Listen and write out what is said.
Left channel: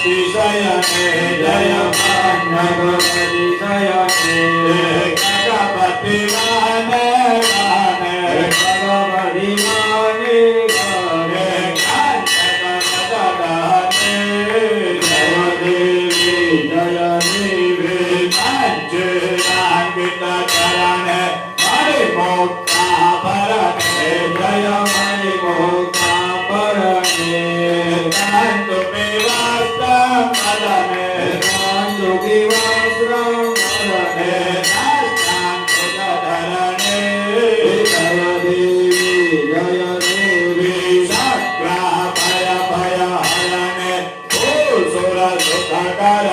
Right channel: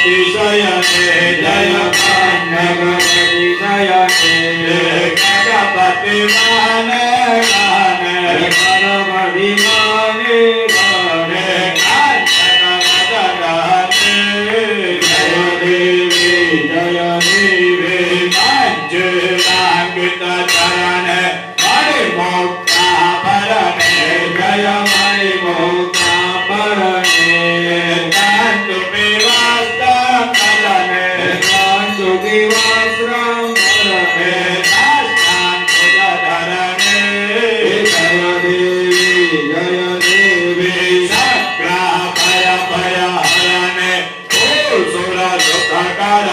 शयने जय भगवती शयने गणपति माने गाने भगवती माने गाने कांचन मदनाने जय देवी मंजुरांकित चरणे मणिमुक्ता भरणे जय मणिमुक्ता भरणे कांतु विवास्त्रं मलने कांतु विवास्त्रं मलने नास्तां तुजधरणे जय देवी शक्रा भय भय हरणे भूसुर सुखकर